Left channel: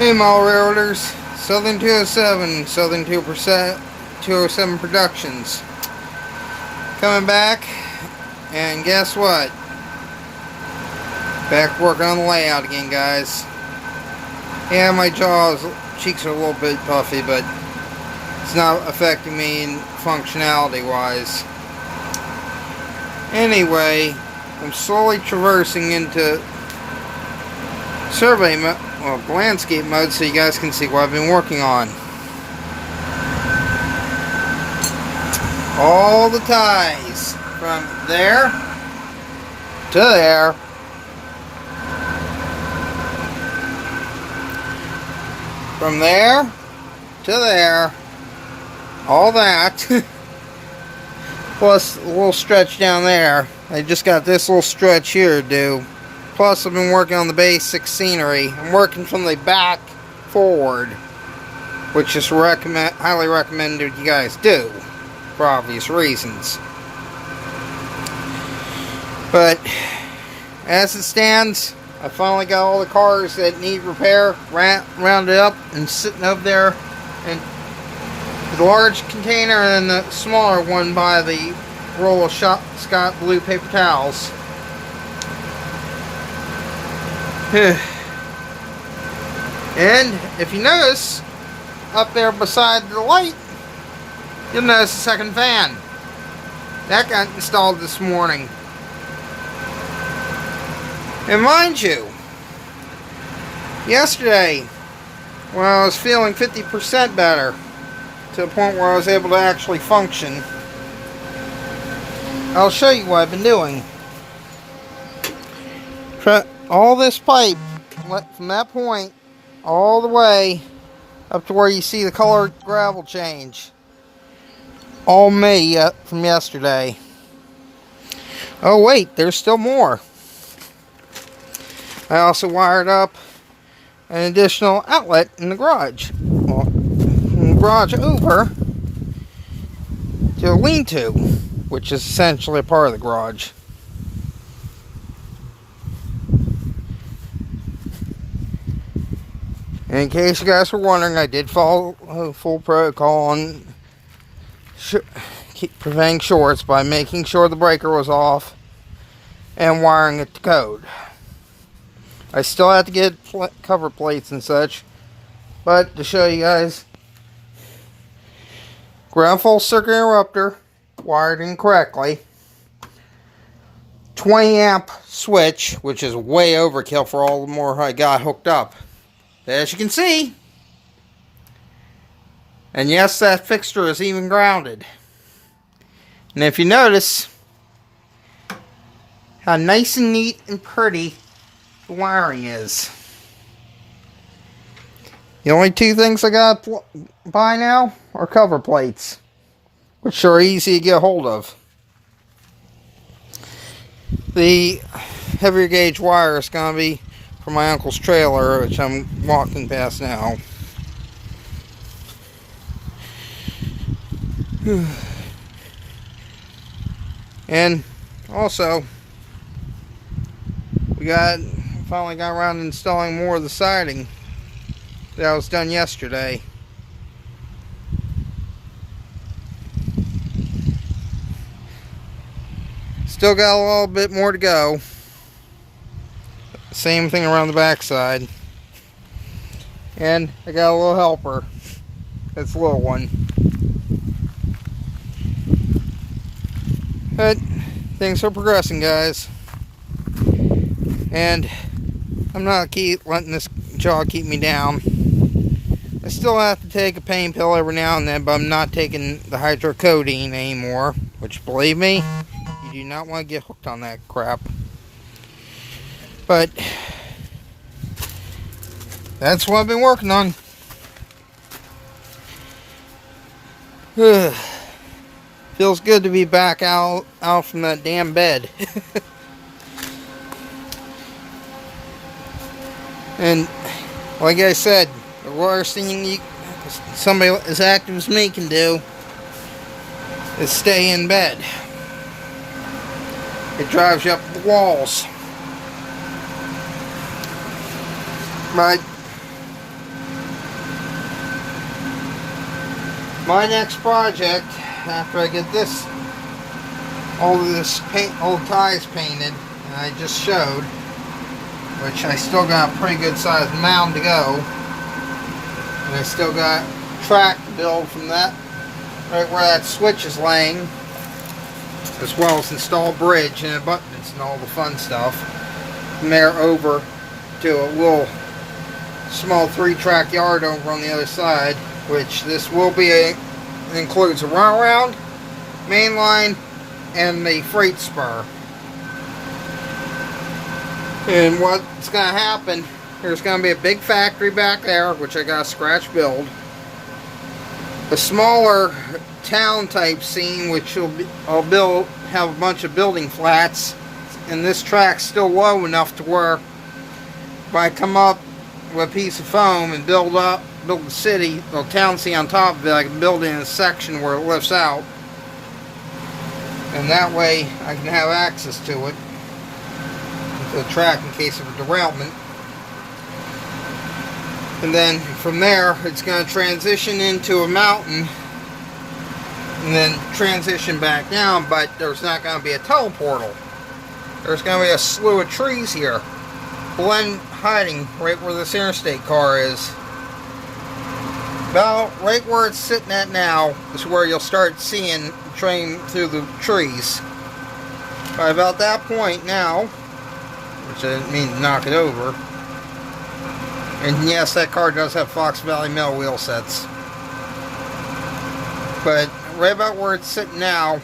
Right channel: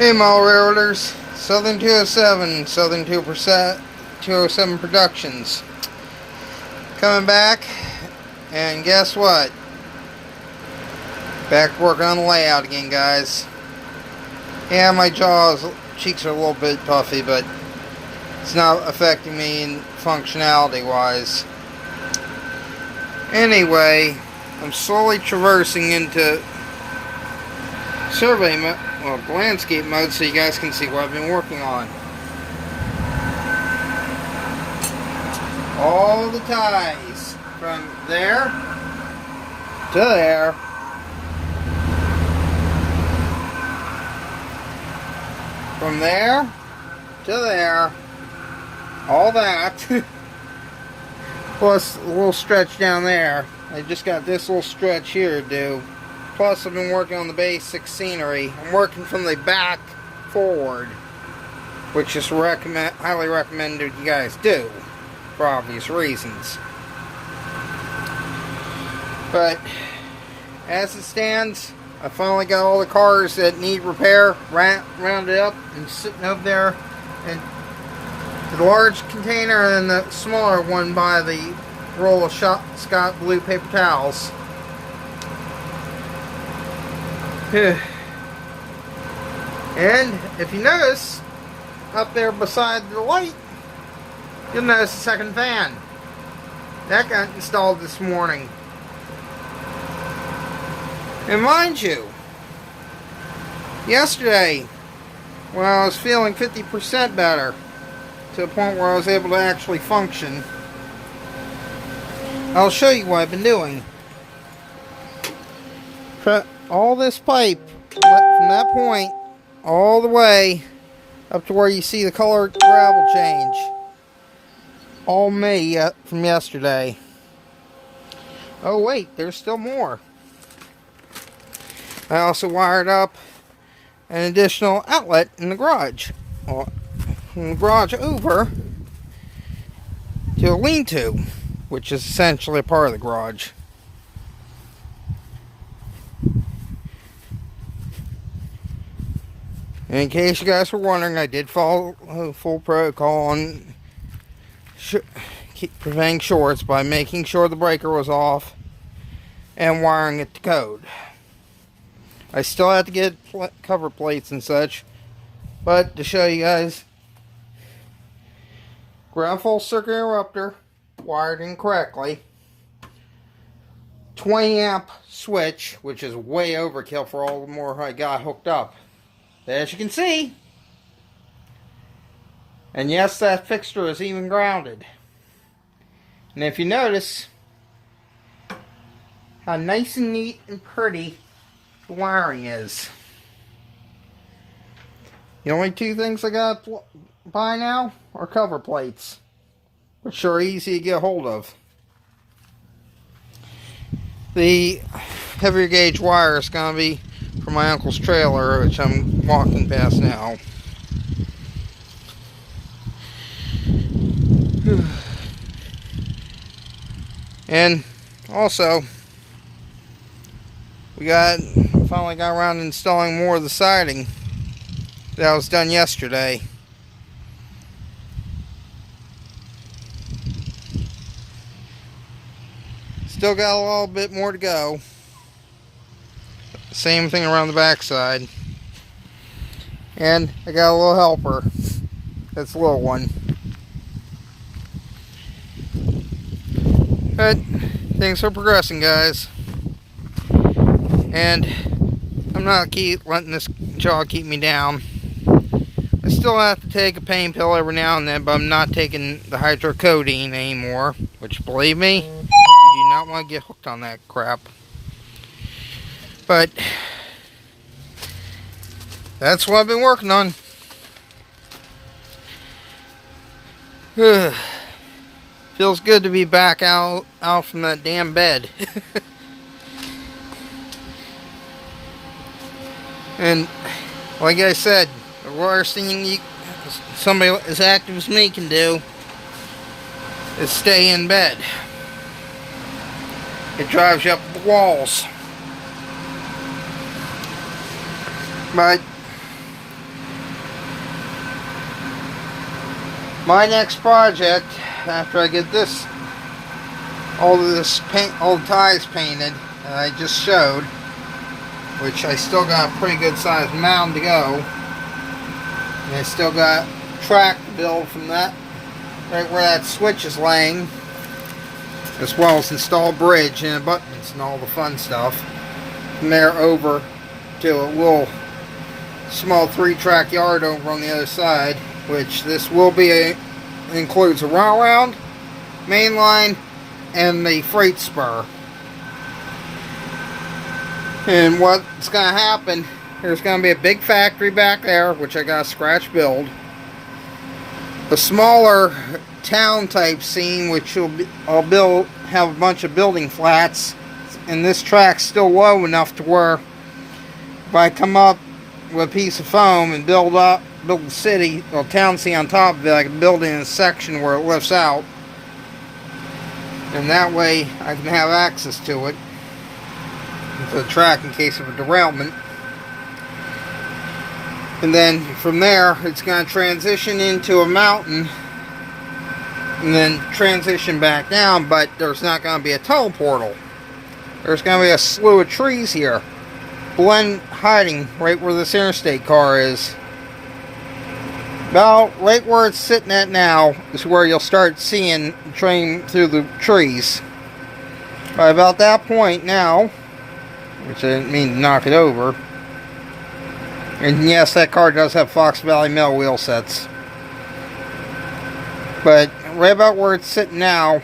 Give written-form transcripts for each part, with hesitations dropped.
Hey mall railroaders, Southern 207, Southern 207 Productions. Coming back, and guess what? Back working on the layout again, guys. Yeah, my cheeks are a little bit puffy, but it's not affecting me functionality wise. Anyway, I'm slowly traversing into landscape mode so you guys can see what I've been working on. All the ties from there to there. From there to there. All that. Plus a little stretch down there. I just got this little stretch here to do. Plus, I've been working on the basic scenery. I'm working from the back forward, which is highly recommended you guys do, for obvious reasons. But, as it stands, I finally got all the cars that need repair rounded up and sitting up there, and the large container and the smaller one by the roll of Scott blue paper towels. And if you notice, up there beside the light, you'll notice a second fan. That got installed this morning. And mind you, yesterday, when I was feeling 50% better, to the point where I was able to actually function, I'll show you what I've been doing. All this pipe from that point all the way up to where you see the colored gravel change, all me from yesterday. Oh wait, there's still more. I also wired up an additional outlet in the garage, from the garage over to a lean-to, which is essentially a part of the garage. In case you guys were wondering, I did follow full protocol on preventing shorts by making sure the breaker was off and wiring it to code. I still have to get cover plates and such, but to show you guys, ground fault circuit interrupter wired in correctly, 20 amp switch, which is way overkill for all the more I got hooked up. As you can see, and yes, that fixture is even grounded. And if you notice how nice and neat and pretty the wiring is. The only two things I got to buy now are cover plates, which are easy to get a hold of. The heavier gauge wire is going to be for my uncle's trailer, which I'm walking past now. And also, we finally got around to installing more of the siding that was done yesterday. Still got a little bit more to go. Same thing around the back side. And I got a little helper. It's a little one. But things are progressing, guys. And I'm not letting this jaw keep me down. I still have to take a pain pill every now and then, but I'm not taking the hydrocodone anymore. Which, believe me, you do not want to get hooked on that crap. But that's what I've been working on. Feels good to be back out from that damn bed. And like I said, the worst thing somebody as active as me can do is stay in bed. It drives you up the walls. But my next project, after I get this, all of this paint, old ties painted, and I just showed, which I still got a pretty good sized mound to go, and I still got track to build from that, right where that switch is laying, as well as install bridge and buttons and all the fun stuff. From there over to a little small 3-track yard over on the other side, which this will be it includes a round, main line, and the freight spur. And what's going to happen, there's going to be a big factory back there, which I got to scratch build. A smaller town type scene, which I'll have a bunch of building flats, and this track's still low enough to where if I come up with a piece of foam and build the city, or town scene on top of it, I can build in a section where it lifts out, and that way I can have access to it, to the track in case of a derailment. And then from there it's going to transition into a mountain and then transition back down, but there's not going to be a tunnel portal. There's going to be a slew of trees here, hiding right where this interstate car is. About right where it's sitting at now is where you'll start seeing the train through the trees. By about that point now, which I didn't mean to knock it over, and yes, that car does have Fox Valley Mill wheel sets. But right about where it's sitting now,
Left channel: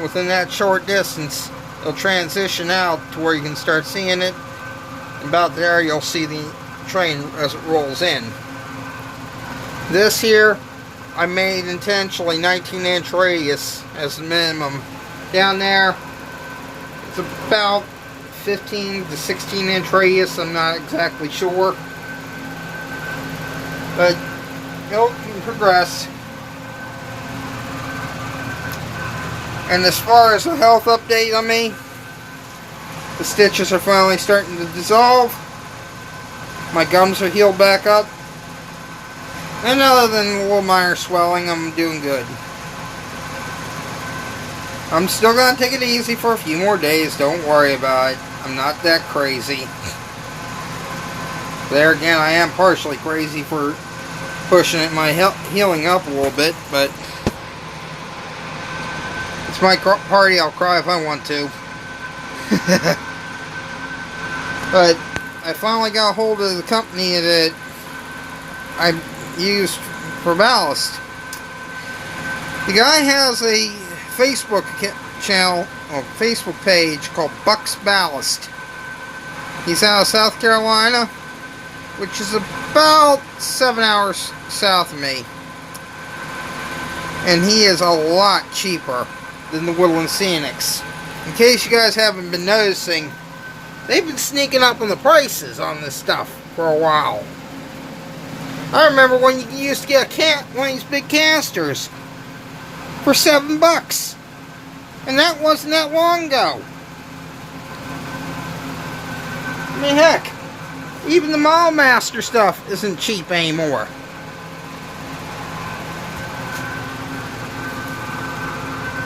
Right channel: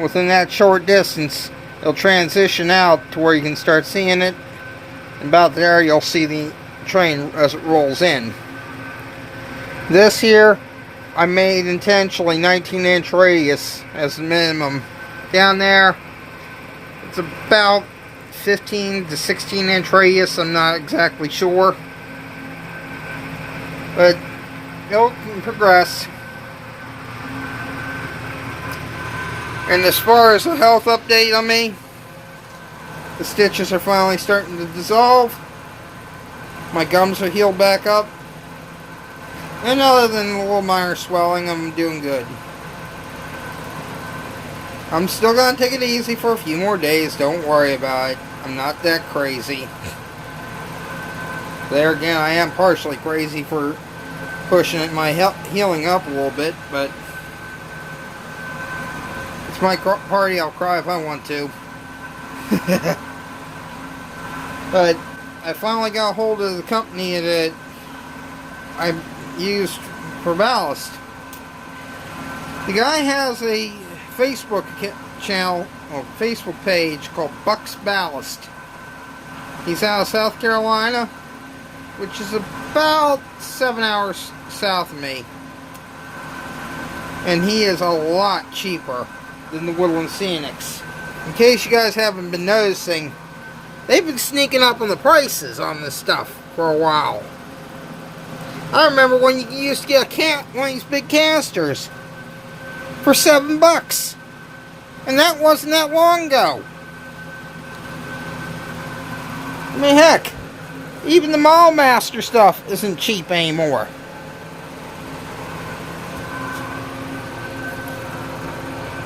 within that short distance, it'll transition out to where you can start seeing it. About there, you'll see the train as it rolls in. This here, I made intentionally 19-inch radius as the minimum. Down there, it's about 15 to 16-inch radius. I'm not exactly sure. But it'll progress. And as far as the health update on me, the stitches are finally starting to dissolve. My gums are healed back up. And other than a little minor swelling, I'm doing good. I'm still going to take it easy for a few more days. Don't worry about it. I'm not that crazy. There again, I am partially crazy for pushing my healing up a little bit, but it's my party. I'll cry if I want to. But I finally got a hold of the company that I used for ballast. The guy has a Facebook channel or Facebook page called Buck's Ballast. He's out of South Carolina, which is about 7 hours south of me, and he is a lot cheaper than the Woodland Scenics. In case you guys haven't been noticing, they've been sneaking up on the prices on this stuff for a while. I remember when you used to get one of these big canisters for $7, and that wasn't that long ago. I mean, heck, even the Mall Master stuff isn't cheap anymore.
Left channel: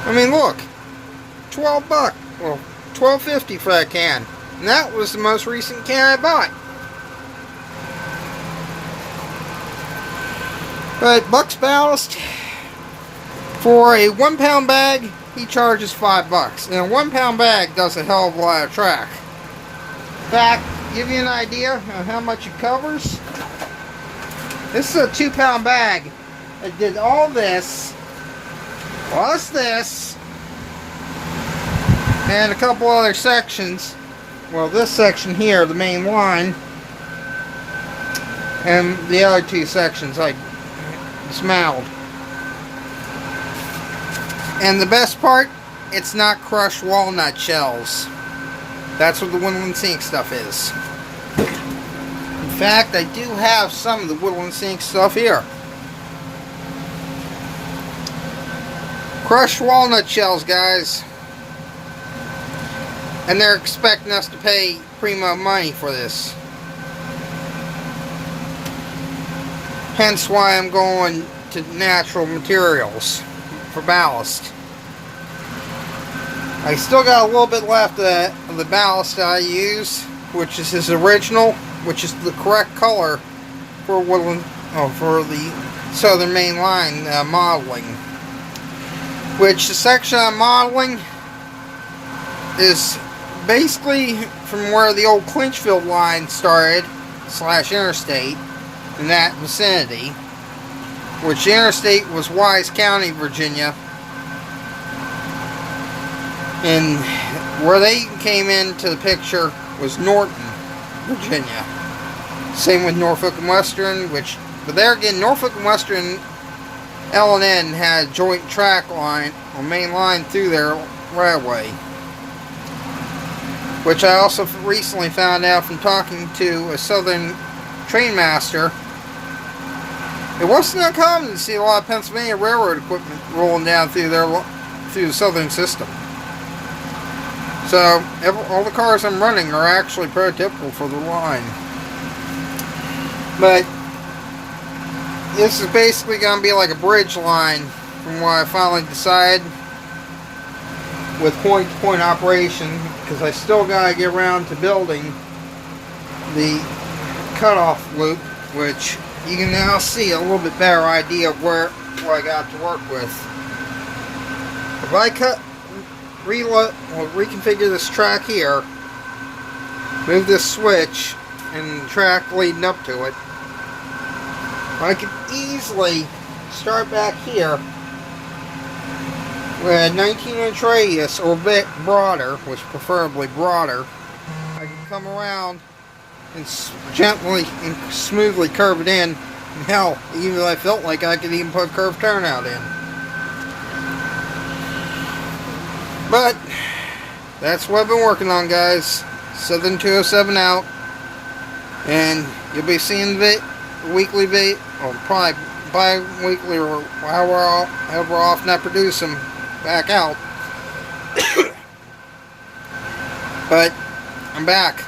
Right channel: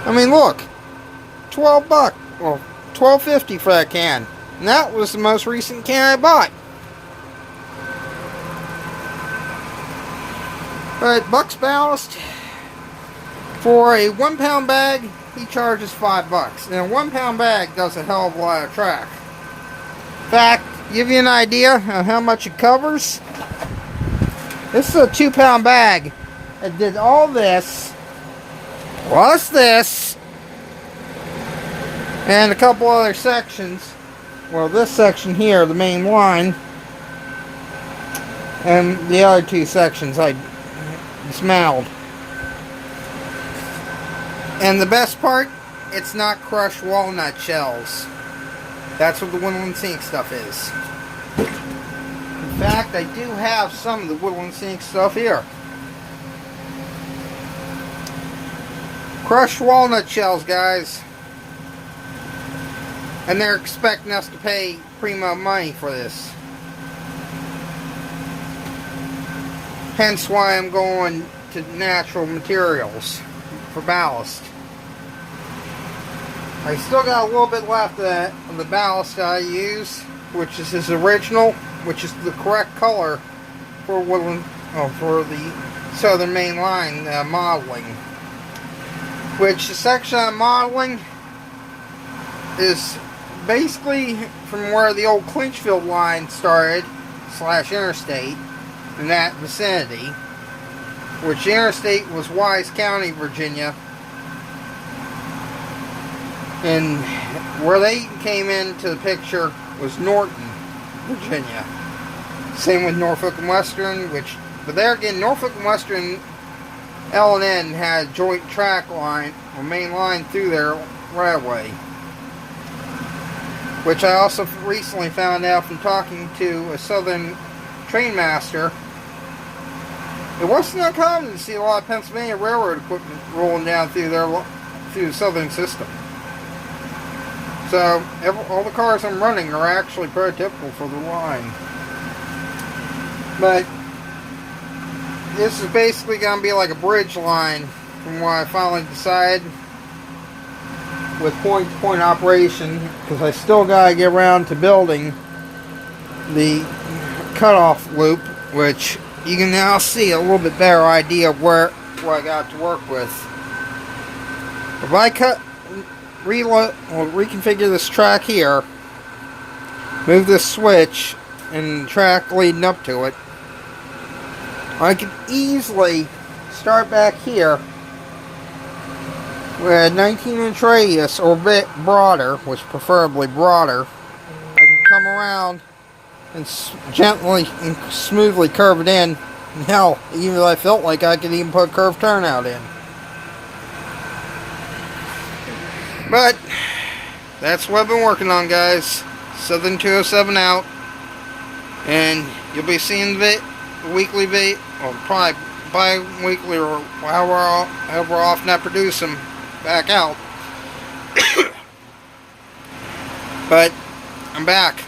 I mean, look, $12, well, $12.50 for that can. And that was the most recent can I bought. But Buck's Ballast, for a 1 pound bag, he charges $5. And a 1 pound bag does a hell of a lot of track. In fact, to give you an idea of how much it covers, this is a 2 pound bag that did all this, plus this, and a couple other sections. Well, this section here, the main line, and the other 2 sections I dismantled. And the best part, it's not crushed walnut shells. That's what the Woodland Scenic stuff is. In fact, I do have some of the Woodland Scenic stuff here. Crushed walnut shells, guys. And they're expecting us to pay primo money for this. Hence why I'm going to natural materials for ballast. I still got a little bit left of the ballast I use, which is his original, which is the correct color for for the Southern Main Line modeling. Which the section I'm modeling is basically from where the old Clinchfield line started, / interstate, in that vicinity. Which the interstate was Wise County, Virginia. And where they came into the picture was Norton, Virginia. Same with Norfolk and Western, but there again, Norfolk and Western L&N had a joint track line, or main line through their railway. Which I also recently found out from talking to a Southern train master. It wasn't uncommon to see a lot of Pennsylvania railroad equipment rolling down through the Southern system. So, all the cars I'm running are actually prototypical for the line. But, this is basically going to be like a bridge line from what I finally decided with point-to-point operation, because I still got to get around to building the cutoff loop, which you can now see a little bit better idea of what I got to work with. If I reconfigure this track here, move this switch and the track leading up to it, I can easily start back here with a 19-inch radius or a bit broader, which preferably broader. I can come around and gently and smoothly curve it in. And hell, even though I felt like I could even put a curved turnout in. But that's what I've been working on, guys. Southern 207 out, and you'll be seeing the weekly video, or probably bi-weekly, or however often I produce them back out. But I'm back.